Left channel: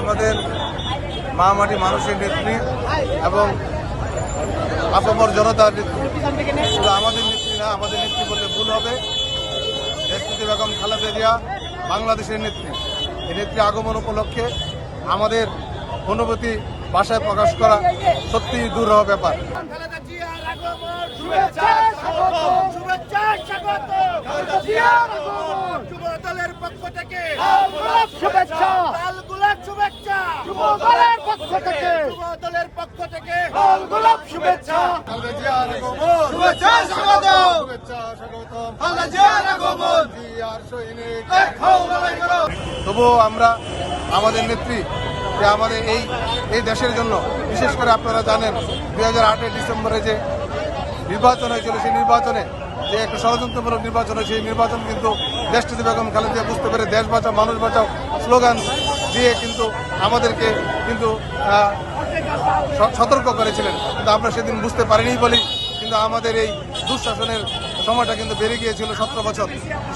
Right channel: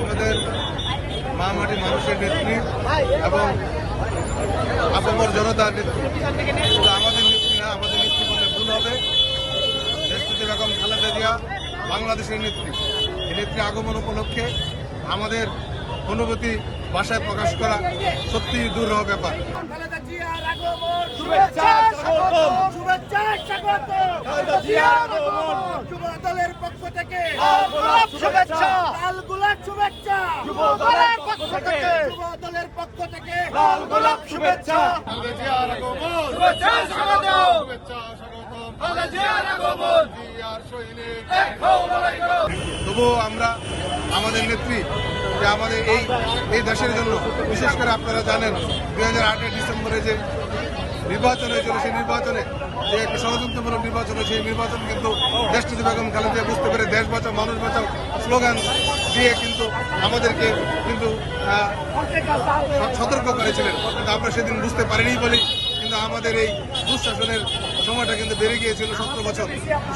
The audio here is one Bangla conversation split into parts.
আমাদের মহামাটি মানুষের নেত্রী এবং আপামর জনতার নেত্রী। শুধু আমাদের নেত্রী না আমাদের নেত্রী বললে ভুল হবে। নেত্রী বেগম খালেদা জিয়া বাংলাদেশের নেত্রী। এই নেত্রী আগমন উপলক্ষে আমাদের অনুভূতি ভাষায় প্রকাশ করা সত্যিই দুরূহ ব্যাপার। দলের পক্ষ থেকে শুভেচ্ছা। গোলাপ শুভেচ্ছা। যুব দলের পক্ষ থেকে। যুব দলের পক্ষ থেকে। লাল গোলাপ শুভেচ্ছা জিয়ার আগমন। শুভেচ্ছা স্বাগত। শুভেচ্ছা স্বাগতম। জিয়ার আগমন। জিয়ার সৈনিক। খাও লড়াই করো তবুও আমরা আমাদের নেত্রী যে আমাদের এই এই দেশের জন্য বিশেষ করে আপনারা জানেন দুই হাজার আটের ডিসেম্বরে যে নির্বাচন হয়েছিল সেই নির্বাচনে যে একটা ষড়যন্ত্রমূলক নির্বাচন হয়েছে সেই নির্বাচন কিন্তু দেশটিতে বেগম খালেদিয়া বুঝতে পেরে দেশ বাঁচাও মানুষ বাঁচাও স্লোগান দিয়ে কিন্তু আমাদেরকে কিন্তু সতর্ক করেছিলেন। কিন্তু আমরা সেদিন বুঝতে পারিনি বলি কিন্তু আমাদের এই দুঃশাসনের সময়টা কিন্তু বেড়ে গিয়েছিল সতেরো বছর।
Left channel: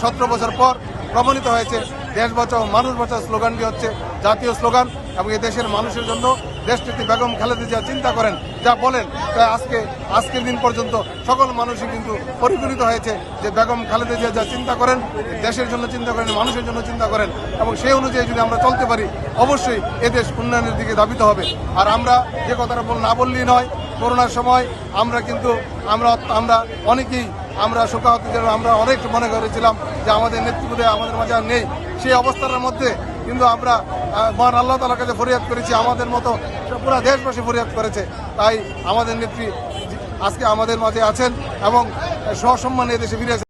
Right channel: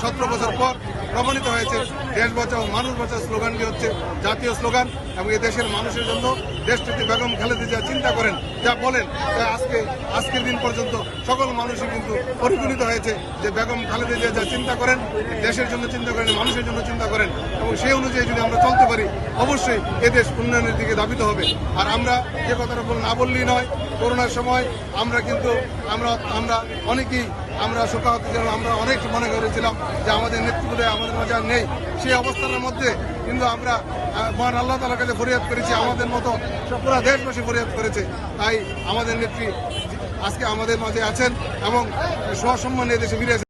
সতেরো বছর পর প্রমাণিত হয়েছে, দেশ বাঁচাও, মানুষ বাঁচাও স্লোগানটি হচ্ছে জাতীয় স্লোগান এবং দেশের মানুষের জন্য দেশটিতে বেগম খালেদা জিয়া চিন্তা করেন, যা বলেন তা আজকে, আজকের দিন পর্যন্ত সকল মানুষই কিন্তু পরিগণিত হয়েছে যে বেগম খালেদা জিয়া যা চিন্তা করেন, দেশের জন্য চিন্তা করেন, মানুষের জন্য চিন্তা করেন এবং সেই অনুযায়ী যদি আমরা চলতে পারি, অবশ্যই এদেশ উন্নয়নের দিকে ধাবিত হবে। আর আমরা যে কথাটা না বললেই নয় করোনার সময় আমরা কিন্তু, আমরা আমরা অনেকেই, আমরা শোকাহত আমরা অনেক মনে করেছিলাম যে আমাদের নেতৃত্বে আমাদের মাঝে আর নেই সেই অবস্থার মধ্যে কিন্তু আমরা মহান আল্লাহ তালার কাছে ফরিয়াদ করেছি, আমাদের মতো পুরো দেশবাসী ফরিয়াদ করেছে তাই আমাদের নেত্রী আজকে আমাদের মাঝে আছেন এবং সসম্মানে দেশে ফিরে।